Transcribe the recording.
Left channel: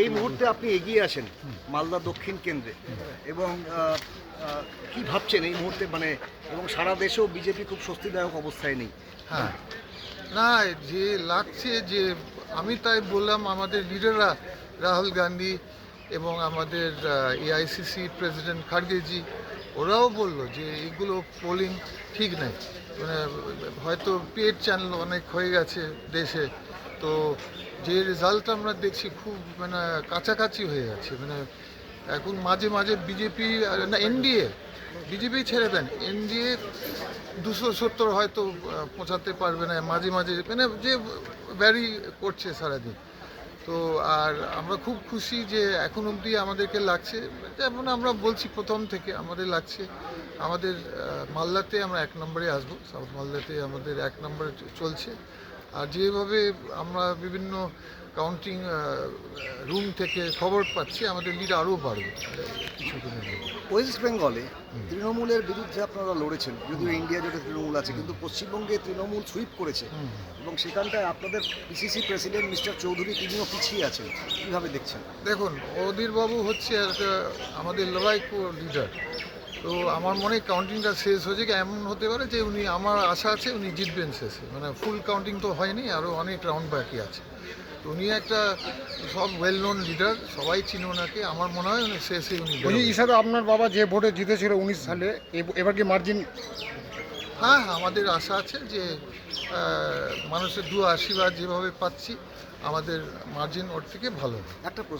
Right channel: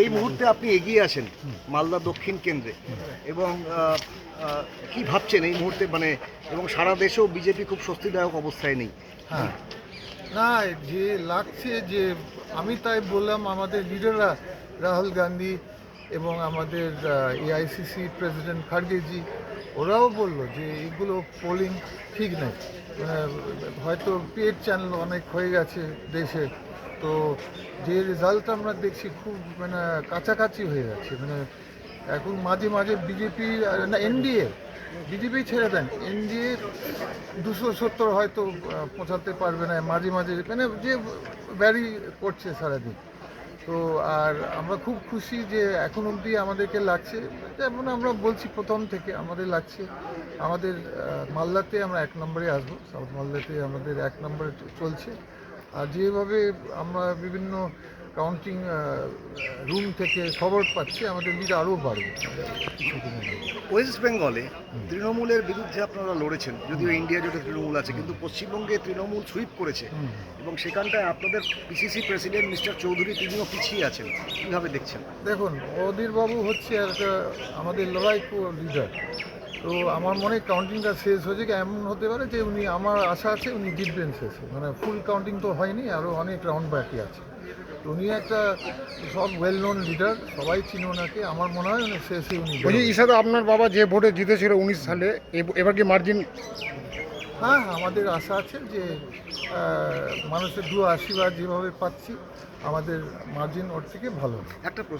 এই মুহূর্তে আপনি এগিয়ে আছেন মালদা দক্ষিণ কেন্দ্রে এবং কি ভাবছেন এই মুহূর্তে মানে এবং সারা দেশেও বিজেপি খুব স্বস্তিদায়ক অবস্থায় নেই। হ্যাঁ, না যে লাগছে যে আমি তাই বললাম আমাদের লিডাররা রাহুল গান্ধী এবং আমাদের এআইসিসি প্রেসিডেন্ট খার্গেজি ওরাও বললো যে এগুলো পোলিং ঠিক নেই, মানে হয়তো পেড চ্যানেল অনেক হয়ে গেছে দেশে, তো যে রেজাল্ট আমরা দেখছি খুব মানে কাছাকাছি হয়ে যাচ্ছে, মানে এখন মাঝে মাঝে বিজেপি না এনডিএ বিজেপি ছেড়ে দেন এনডিএ 270 হয়তো পৌঁছাতে পারবে না, মাঝে মাঝে মানে যে ভ্যারি করছে সারাদিন। তো আর আমরা খুব খুশি যে এখন অবধি আমাদেরকে লাগছে, যেমন আমরা বলছি প্রথম থেকে আমাদের লাগছে আমাদের মালদাতে আমরা 1 নম্বরে আসবো, সাউথ মালদাতে আমাদের 1 নম্বরে চলছে। আর যেভাবে আমরা বিভিন্ন কাউন্টিং রুম থেকে খবর পাচ্ছি আমাদের লিড আরও বাড়বে কিছুদিনের মধ্যে। ওয়েস্ট বেঙ্গলে তৃণমূলের বিরুদ্ধে আপনারা লড়েছেন, যদিও ইন্ডিয়া জোটে তৃণমূল আছে, কিন্তু পশ্চিমবঙ্গে তৃণমূল সুইপ করেছে এবং সেখানটায় আপনাদের পিসিসি প্রেসিডেন্ট মিস্টার চৌধুরী তিনিও পিছিয়ে আছেন, কীভাবে দেখছেন? দেখুন অধীরবাবু হচ্ছে একটা আমাদের লড়াইকো লিডার, তো আমার মনে হয় কাউন্টিংটা শেষ হয়েছে, এমন হতে পারে যে উনি, আমার আশা আছে উনি জিতবেন শেষে, মানে ফুল কাউন্টিং তো হয়নি, আরও অনেক রাউন্ড বাকি আছে। তো উনি একটা সব ওয়েল নোন লিডার, সবাই চিনে ওনাকে, আমার মনে হয় উনি শেষে উনি ঈশাদা আপনার বাবা যে ভোটে জিতেছিল 19 সালে, এবার কি মার্জিন? হ্যাঁ, আমাদের আশা আছে যে মানুষের দু আশীর্বাদ যেভাবে পাচ্ছি আমাদের মার্জিন ওর থেকে ভালো। একটা প্রশ্ন